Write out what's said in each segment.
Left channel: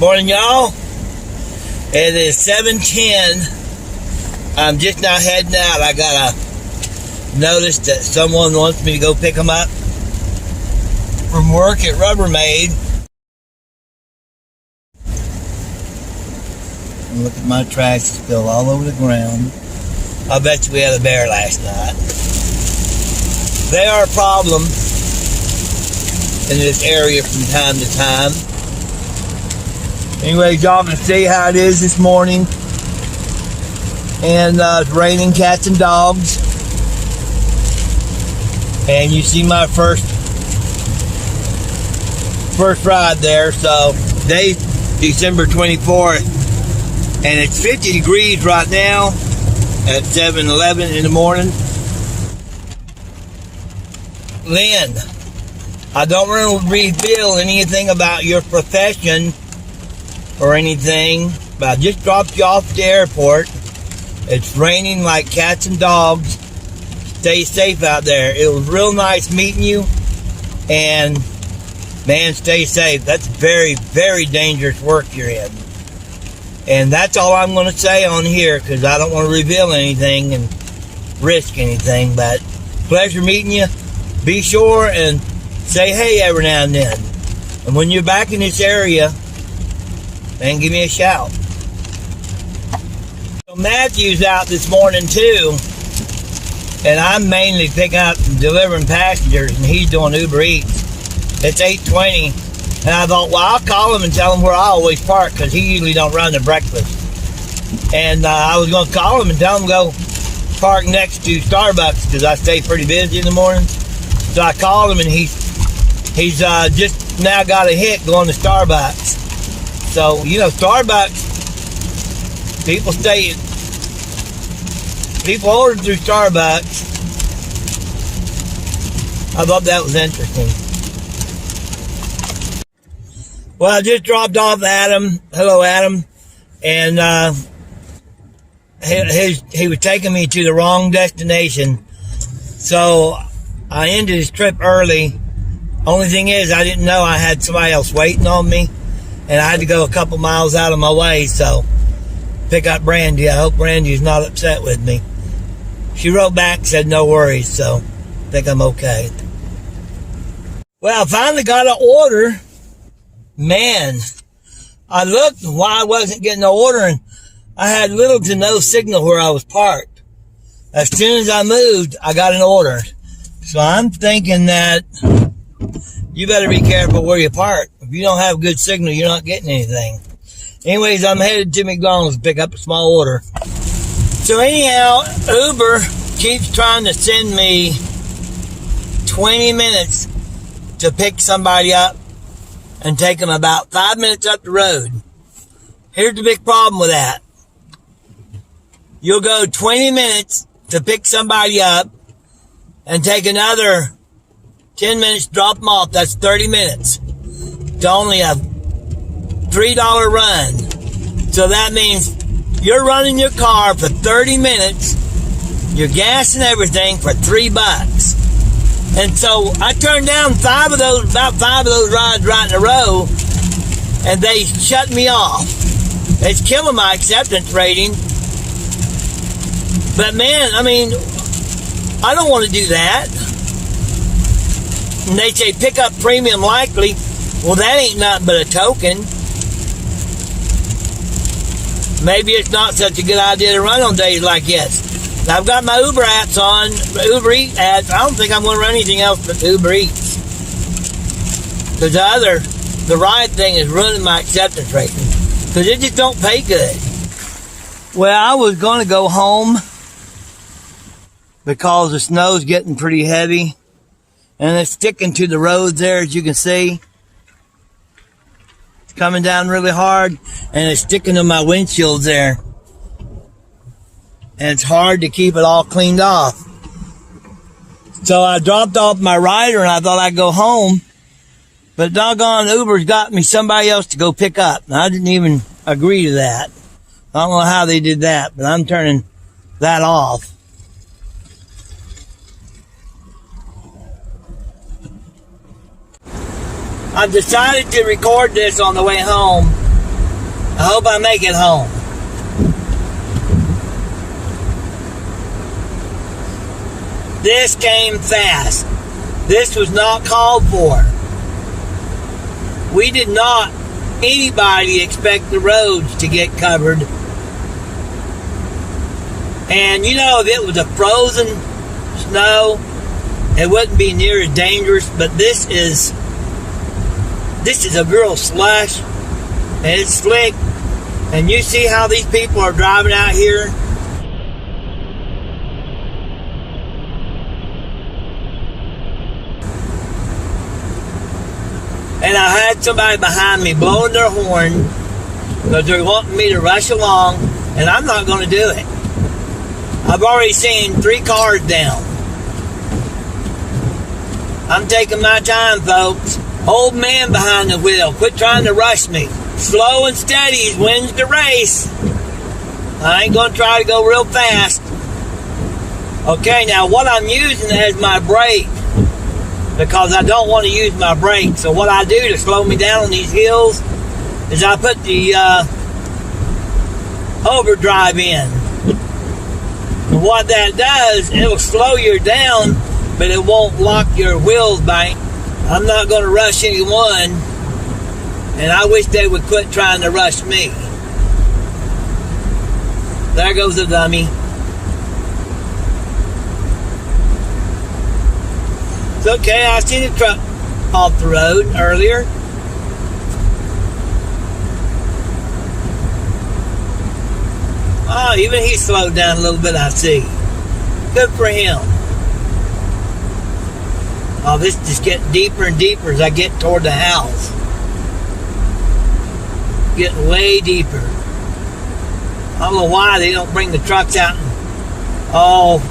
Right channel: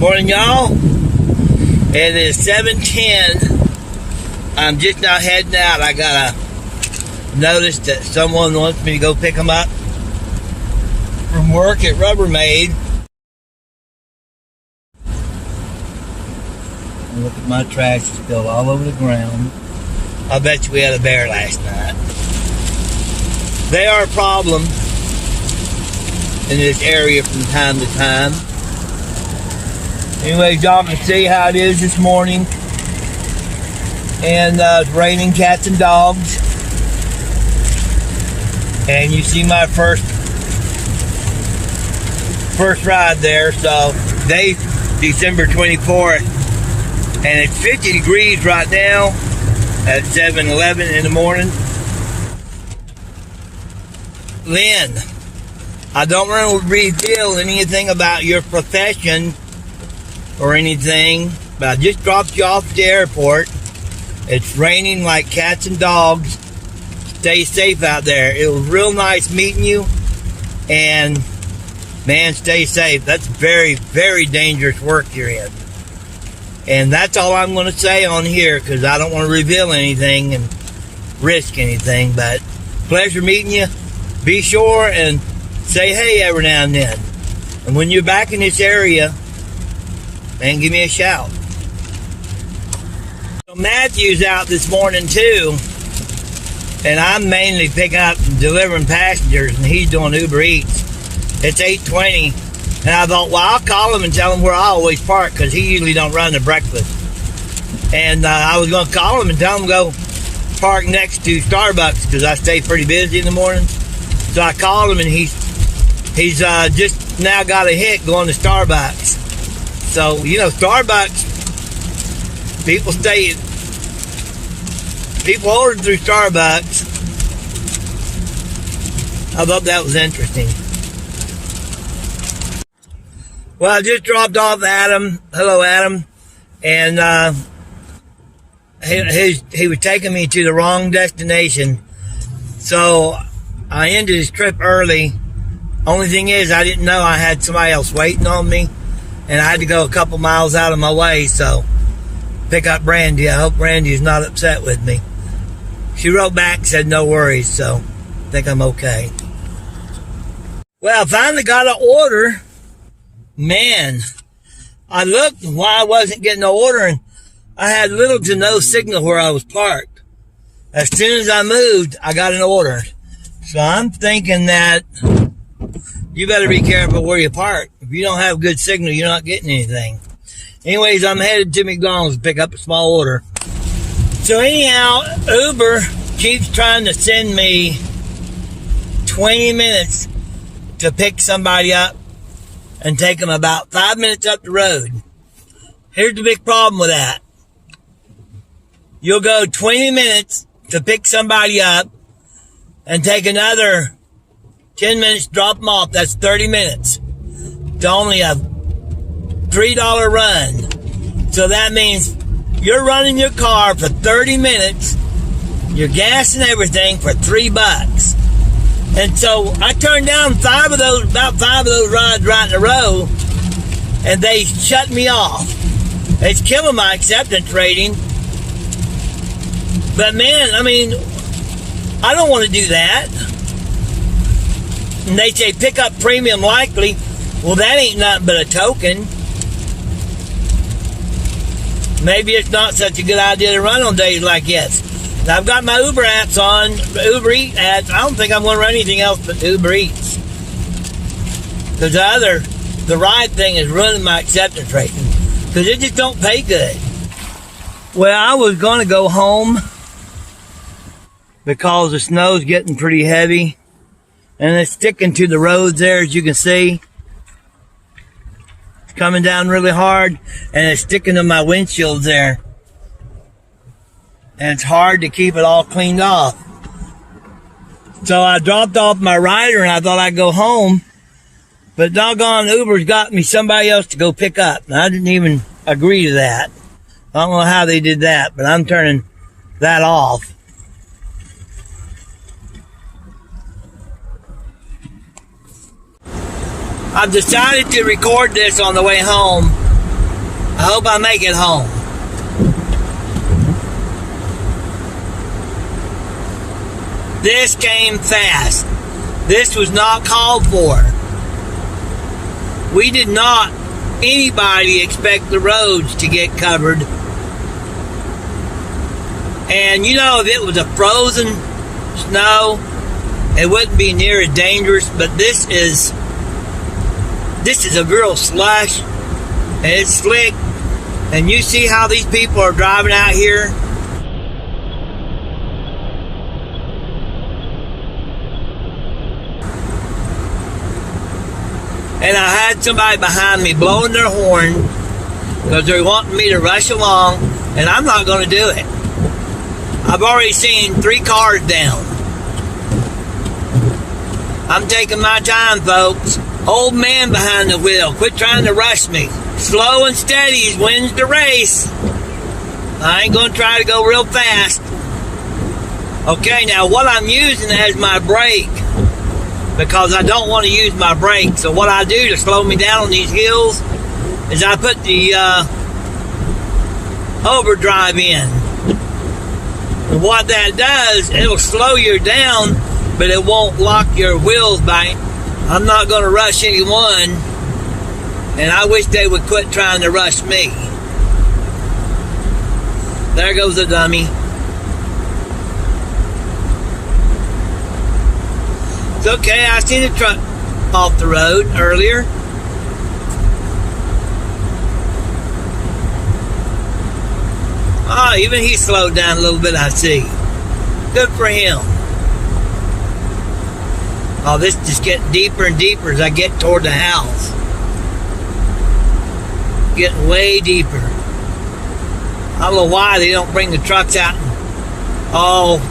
Morning, y'all. It is 7:10. I'm just now heading out. I got a notice that someone wants me to go pick them up from work at Rubbermaid. And look at my trash spilled all over the ground. I bet you we had a bear last night. They are a problem in this area from time to time. Anyway, y'all can see how it is this morning. And it's raining cats and dogs. And you see my first ride there. So today's December 24th. And it's 50 degrees right now at 7:11 in the morning. Lynn, I don't want to reveal anything about your profession or anything, but I just dropped you off at the airport. It's raining like cats and dogs. Stay safe out there. It was real nice meeting you, and man, stay safe. That's very, very dangerous work you're in. And that's all I'm going to say on here, because I don't want to reveal anything and risk anything. But pleasure meeting you. Be sure and say hey every now and then. And when you're back in this area, man, give me a shout. So Matthew's out this morning too, and I'm mainly picking up and delivering passengers, and he's doing Uber Eats. It's 8:20, and I thought, well, I'll call him and tell him where I always park, because he usually don't run the breakfast. And I was going to call him and tell him to go park next to Starbucks, because I stay pretty busy in the morning. So I called him, and he's just now got a hit going to Starbucks. So, you know, Starbucks, people order through Starbucks. I thought that was interesting. Well, I just dropped off Adam. Hello, Adam. And he was taking me to the wrong destination. So I ended his trip early. Only thing is, I didn't know I had somebody else waiting on me. And I had to go a couple miles out of my way, so pick up Brandy. I hope Brandy's not upset with me. She wrote back and said no worries, so I think I'm okay. Well, I finally got an order. Man, I looked why I wasn't getting an order, and I had little to no signal where I was parked. As soon as I moved, I got an order. So I'm thinking that you better be careful where you park. If you don't have good signal, you're not getting anything. Anyways, I'm headed to McDonald's to pick up a small order. So anyhow, Uber keeps trying to send me 20 minutes to pick somebody up and take them about 5 minutes up the road. Here's the big problem with that. You'll go 20 minutes to pick somebody up and take another 10 minutes, drop them off. That's 30 minutes. It's only a $3 run. So that means you're running your car for 30 minutes, your gas and everything for $3. And so I turned down about five of those rides right in a row, and they shut me off. It's killing my acceptance rating. But man, I mean, I don't want to do that. And they say pick up premium likely. Well, that ain't nothing but a token. Maybe it's not such a good idea to run on days like this. I've got my Uber apps on, Uber Eats ads. I don't think I'm going to run anything else but Uber Eats. Because the ride thing is ruining my acceptance rating. Because it just don't pay good. Well, I was going to go home because the snow's getting pretty heavy. And it's sticking to the roads there, as you can see. It's coming down really hard, and it's sticking to my windshield there. And it's hard to keep it all cleaned off. So I dropped off my rider, and I thought I'd go home. But doggone, Uber's got me somebody else to go pick up. And I didn't even agree to that. I don't know how they did that, but I'm turning that off. I've decided to record this on the way home I hope I make it home. This came fast. This was not called for. We did not, anybody, expect the roads to get covered. And you know, if it was a frozen snow, it wouldn't be near as dangerous, but this is a real slush, and it's slick. And you see how these people are driving out here? And I had somebody behind me blowing their horn because they're wanting me to rush along, and I'm not going to do it. I've already seen 3 cars down. I'm taking my time, folks. Old man behind the wheel, quit trying to rush me. Slow and steady wins the race. I ain't going to try to go real fast. Okay, now what I'm using as my brake, because I don't want to use my brake. So what I do to slow me down on these hills is I put the overdrive in. And what that does, it'll slow you down, but it won't lock your wheels back. I'm not going to rush anyone, and I wish they would quit trying to rush me. There goes the dummy. It's okay, I seen a truck off the road earlier. Oh, even he slowed down a little bit, I see. Good for him. Oh, this just getting deeper and deeper as I get toward the house. Getting way deeper. I don't know why they don't bring the trucks out. Oh,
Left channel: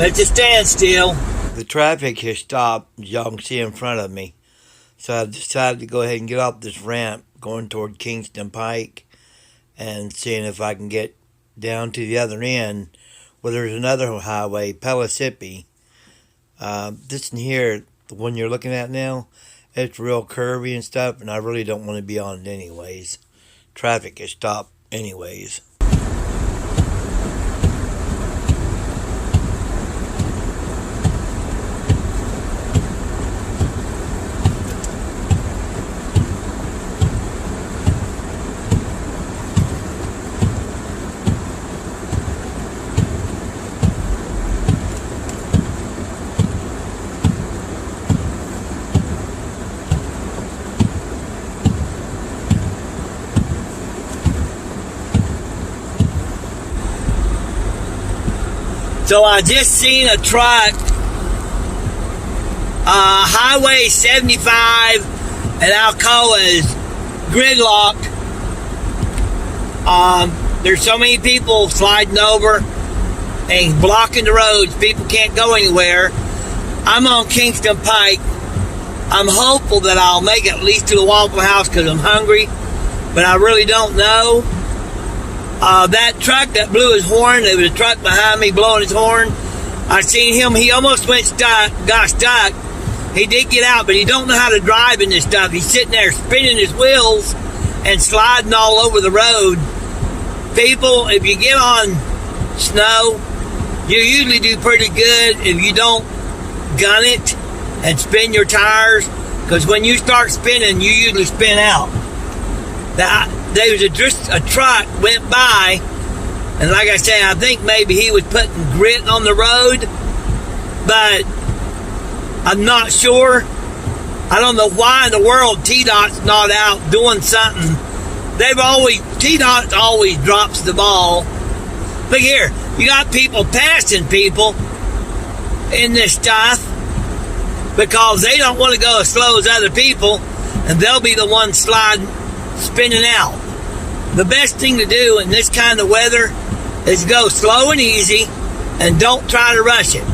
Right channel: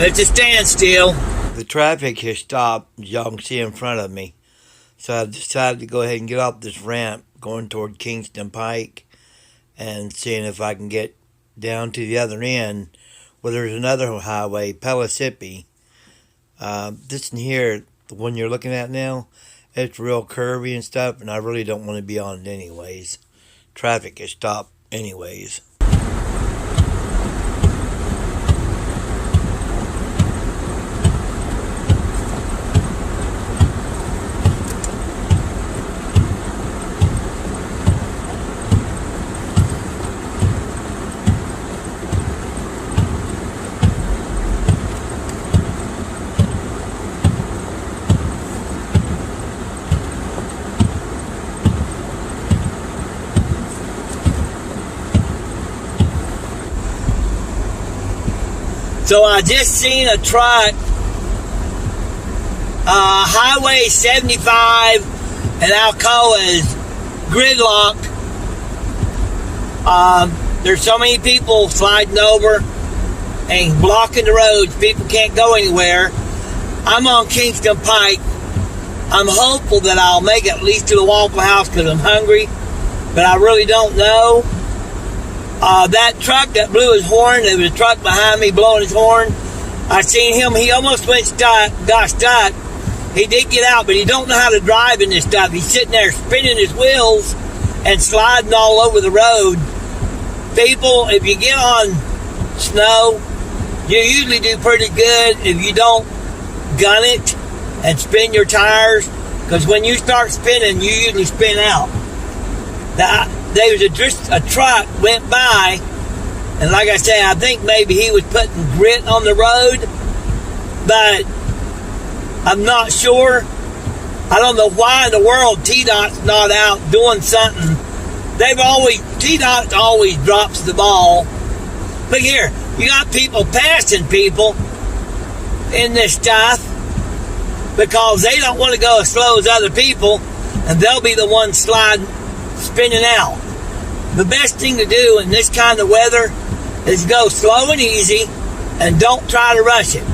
it's a standstill. The traffic has stopped, as y'all can see in front of me. So I decided to go ahead and get off this ramp going toward Kingston Pike and seeing if I can get down to the other end where there's another highway, Pellissippi. This in here, the one you're looking at now, it's real curvy and stuff, and I really don't want to be on it anyways. Traffic has stopped anyways. So I just seen a truck, Highway 75 and Alcoa is gridlocked. There's so many people sliding over and blocking the roads. People can't go anywhere. I'm on Kingston Pike. I'm hopeful that I'll make it at least to the Waffle House because I'm hungry, but I really don't know. That truck that blew his horn, there was a truck behind me blowing his horn. I seen him, he almost got stuck. He did get out, but he don't know how to drive in this stuff. He's sitting there spinning his wheels and sliding all over the road. People, if you get on snow, you usually do pretty good if you don't gun it and spin your tires, because when you start spinning, you usually spin out. There was just a truck went by, and like I said, I think maybe he was putting grit on the road, but I'm not sure. I don't know why in the world TDOT's not out doing something. TDOT always drops the ball. Look here, you got people passing people in this stuff because they don't want to go as slow as other people, and they'll be the ones spinning out. The best thing to do in this kind of weather is go slow and easy and don't try to rush it.